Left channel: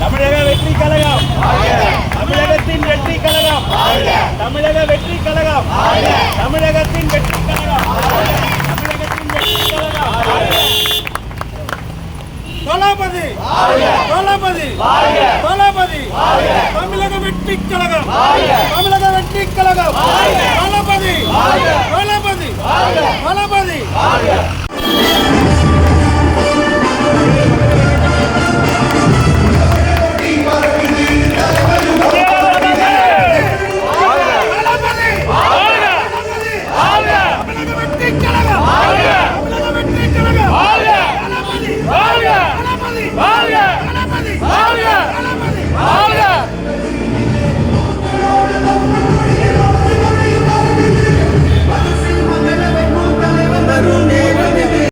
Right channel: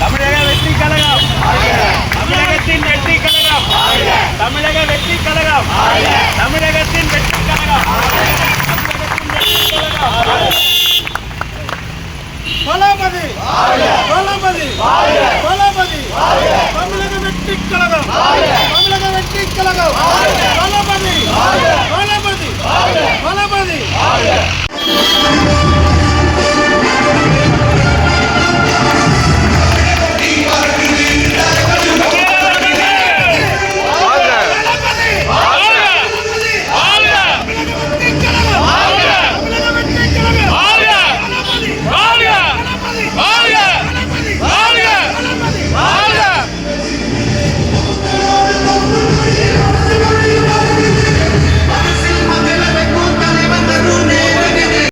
தமிழக வெற்றி கழகம். தமிழகத்தின் வெற்றி கழகம். தமிழக வெற்றி கழகம். தமிழகத்தின் வெற்றி கழகம். தளபதி தளபதி தளபதி தமிழக வெற்றி கழகம்.